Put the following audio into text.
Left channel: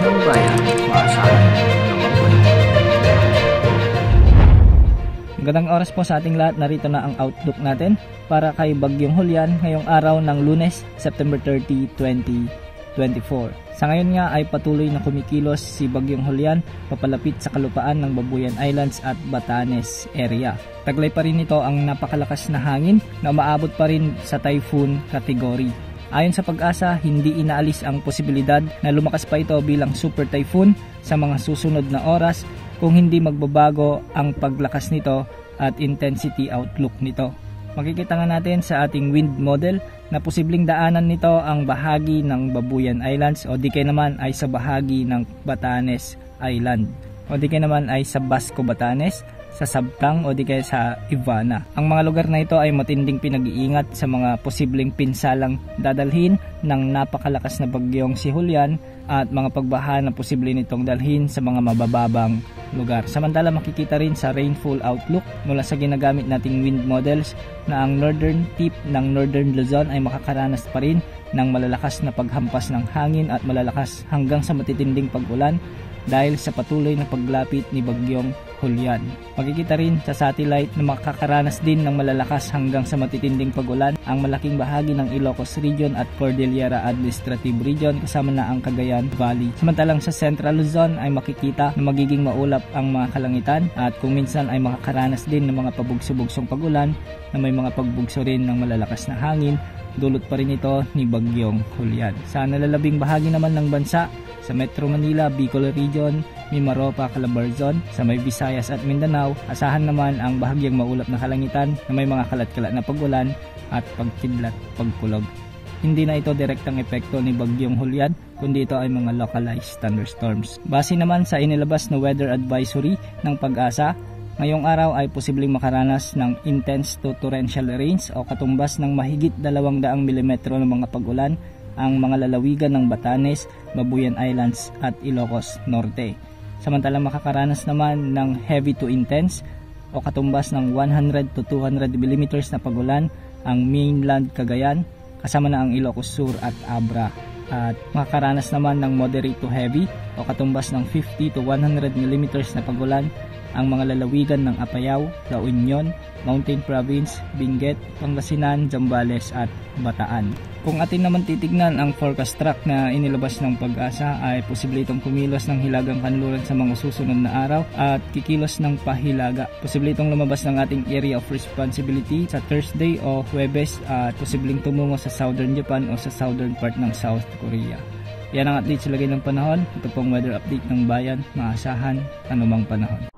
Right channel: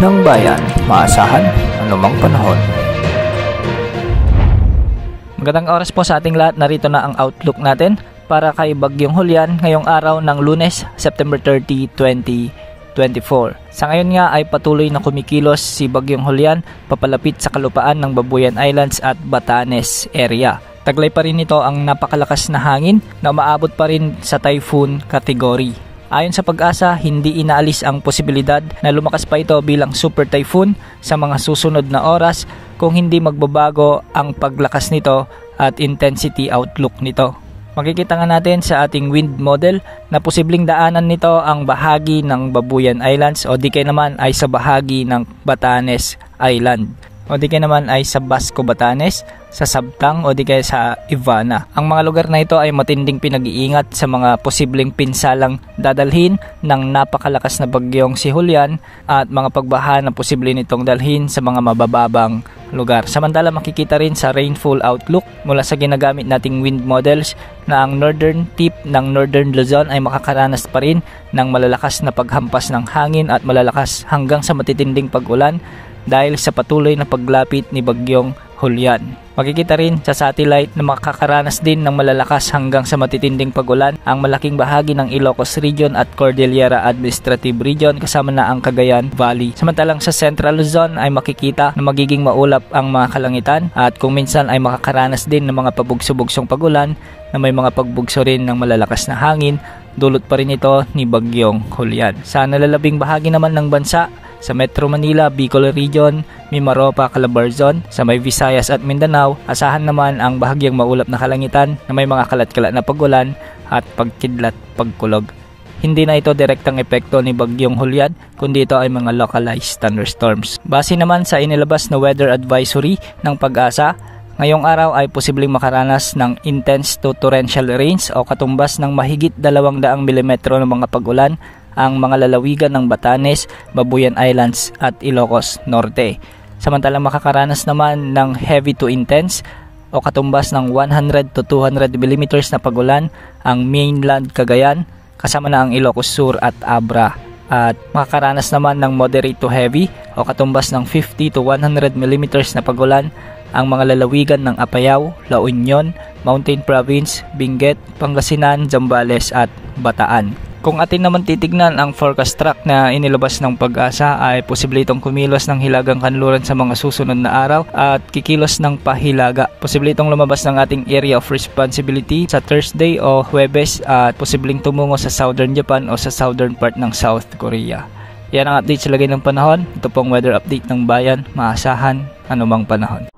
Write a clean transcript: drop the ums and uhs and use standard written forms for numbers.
ng bayan, maasahan anumang panahon. Magandang oras po sa ating lahat. Narito na ang outlook natin para kay Bagyong Julian ngayong araw ng Lunes, September 30, 2024. Sa ngayon nga ay patuloy na kumikilos si Bagyong Julian papalapit sa kalupaan ng Babuyan Islands at Batanes area. Taglay pa rin ito ang napakalakas na hangin na umaabot pa rin sa typhoon category. Ayon sa Pag-asa, hindi inaalis ang posibilidad na lumakas pa ito bilang super typhoon sa mga susunod na oras kung hindi magbabago ang paglakas nito at intensity outlook nito. Makikita nga natin sa ating wind model na posibleng daanan nito ang bahagi ng Babuyan Islands o di kaya naman ay sa bahagi ng Batanes Island o di kaya naman ay sa Basco Batanes, sa Sabtang o di kaya sa Ivana. Ang mga lugar na ito ay matinding pinag-iingat sa mga posibleng pinsalang dadalhin ng napakalakas na bagyong si Julian at mga pagbaha na posible nitong dalhin sa mga mabababang lugar. Samantala makikita rin sa rainfall outlook mula sa ginagamit nating wind models na ang northern tip ng Northern Luzon ay makakaranas pa rin ng malalakas na paghampas ng hangin at malalakas hanggang sa matitinding pag-ulan dahil sa patuloy na paglapit ni Bagyong Julian. Makikita rin sa satellite na makakaranas din ng malalakas hanggang sa matitinding pag-ulan ang malaking bahagi ng Ilocos Region at Cordillera Administrative Region kasama na ang Cagayan Valley. Samantalang sa Central Luzon ay makikita na magiging maulap ang mga kalangitan at kung minsan ay makakaranas din ng mga pabugso-bugsong pag-ulan na may mga pagbugso rin ng malalakas na hangin. Dulot pa rin ito ni Bagyong Julian. Sa nalalabing bahagi naman ng bansa, sa Metro Manila, Bicol Region, Mimaropa, Calabarzon, sa may Visayas at Mindanao, asahan naman ang bahagyang maulap na kalangitan na may mga kalat-kalat na pag-ulan at pagkidlat pagkulog. Hindi na ito direktang epekto ni Bagyong Julian, kundi ito ay mga localized thunderstorms. Base naman sa inilabas na weather advisory ng Pag-asa, ngayong araw ay posibleng makaranas ng intense to torrential rains o katumbas ng mahigit 200 mm ng mga pag-ulan ang mga lalawigan ng Batanes, Babuyan Islands at Ilocos Norte. Samantalang makakaranas naman ng heavy to intense o katumbas ng 100 to 200 mm na pag-ulan ang mainland Cagayan kasama na ang Ilocos Sur at Abra. At makakaranas naman ng moderate to heavy o katumbas ng 50 to 100 mm na pag-ulan ang mga lalawigan ng Apayao, La Union, Mountain Province, Benguet, Pangasinan, Zambales at Bataan. Kung atin naman titignan ang forecast track na inilabas ng Pag-asa ay posible itong kumilos ng hilagang kanluran sa mga susunod na araw at kikilos ng pahilaga. Posible itong lumabas ng ating area of responsibility sa Thursday o Huwebes at posibleng tumungo sa Southern Japan o sa southern part ng South Korea. Yan ang update sa lagay ng panahon. Ito pong weather update ng bayan, maasahan anumang panahon.